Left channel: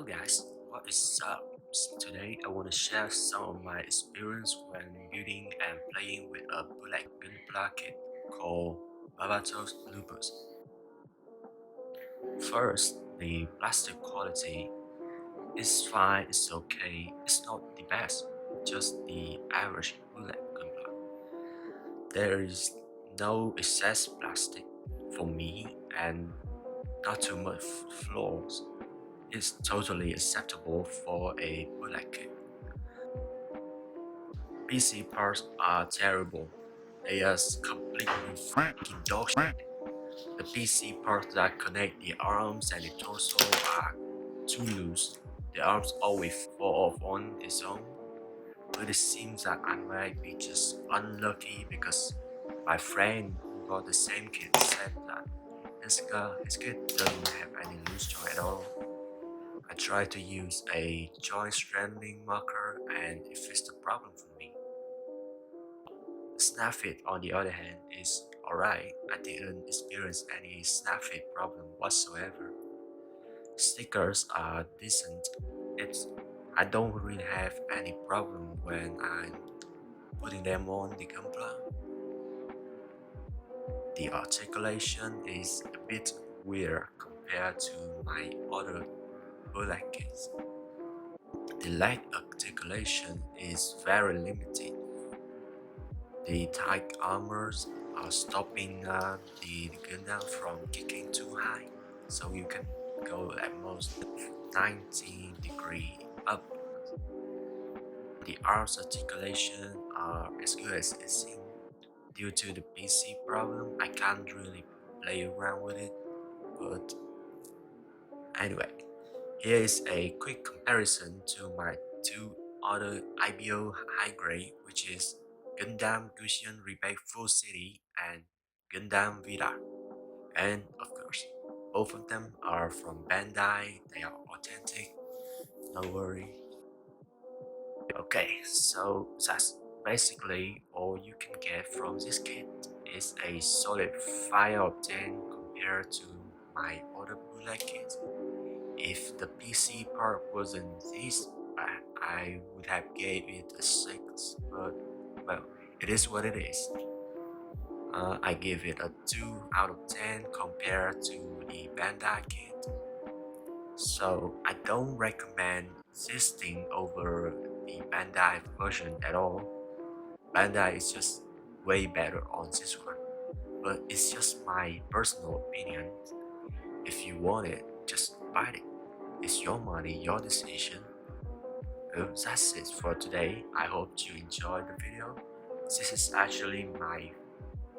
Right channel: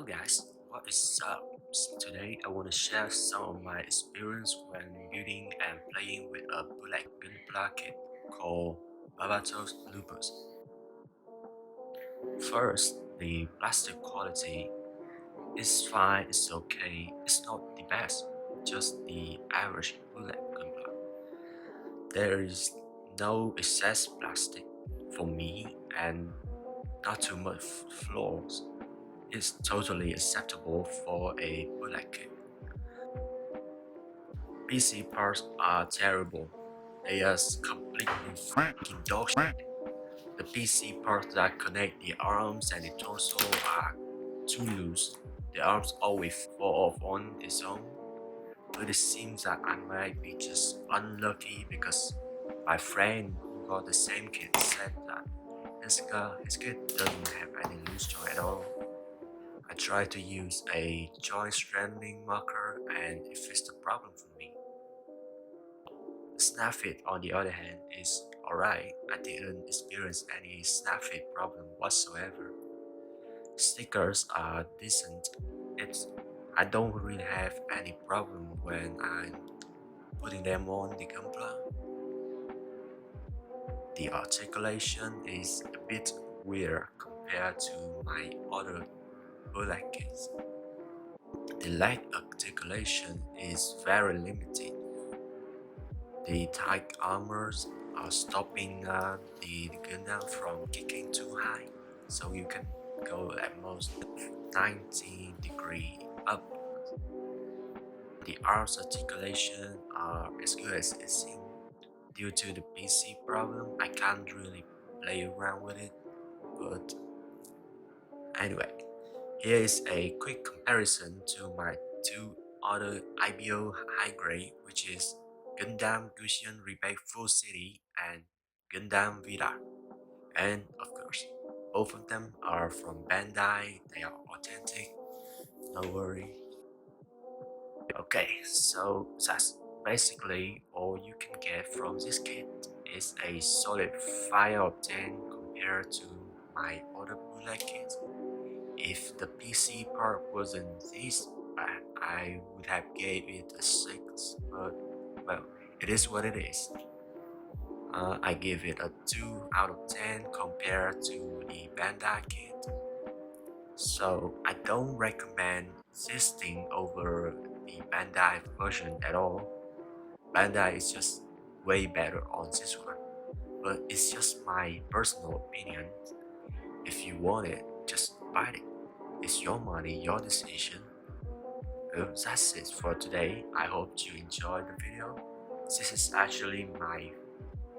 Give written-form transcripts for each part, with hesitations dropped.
Hello guys, what is up? Today I want to share some of my experience when building and playing with a bootleg gunpla kit called Barbartos Lupus. First, the plastic quality is fine, it's okay, it's not the best, just the average bootleg gunpla. There is no excess plastic for me and not too much flaws. It's totally acceptable for a bootleg kit. PC parts are terrible. They are completely fucking dog shit. The PC parts that connect the arms and the torso are too loose. The arms always fall off on its own. But it seems that I might be just unlucky because my friend who got the same kit said that his kit doesn't have any loose joint at all. I tried to use a joint strengthening marker and it fixed the problem for me. The snap fit on the other hand is alright. I didn't experience any snap fit problem whatsoever. Stickers are decent. I don't really have any problem when I'm putting them on the gunpla. The articulation is a bit weird compared to my other bootleg kits. The leg articulation is very limited. The tight armors are stopping the gundam from kicking too high, so you can go at most 90 degree up. The arms articulation are as good as it seems. Due to the PC problem, I can't really play around with it, but anyway, here is a quick comparison to my two other IBO high grade, which is Gundam Gusion Rebate Full City and Gundam Vida. And of course, both of them are from Bandai, they are authentic, no worry. Okay, so that's basically all you can get from this kit. It's a solid 5 out of 10 compared to my other bootleg kits. If the PC part wasn't this bad, I would have gave it a 6, but well, it is what it is. I give it a 2 out of 10 compared to the Bandai kit. So I don't recommend this thing over the Bandai version at all. Bandai is just way better on this one, but it's just my personal opinion. If you want it, just buy it. It's your money, your decision. Well, that's it for today. I hope you enjoyed the video. This is actually my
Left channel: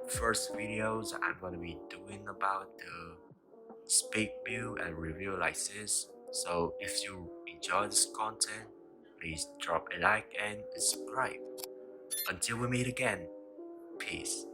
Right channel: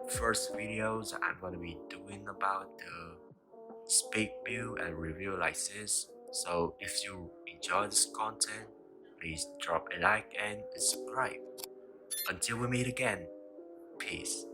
first video that I'm going to be doing about the speed build and review like this. So if you enjoy this content, please drop a like and subscribe. Until we meet again, peace.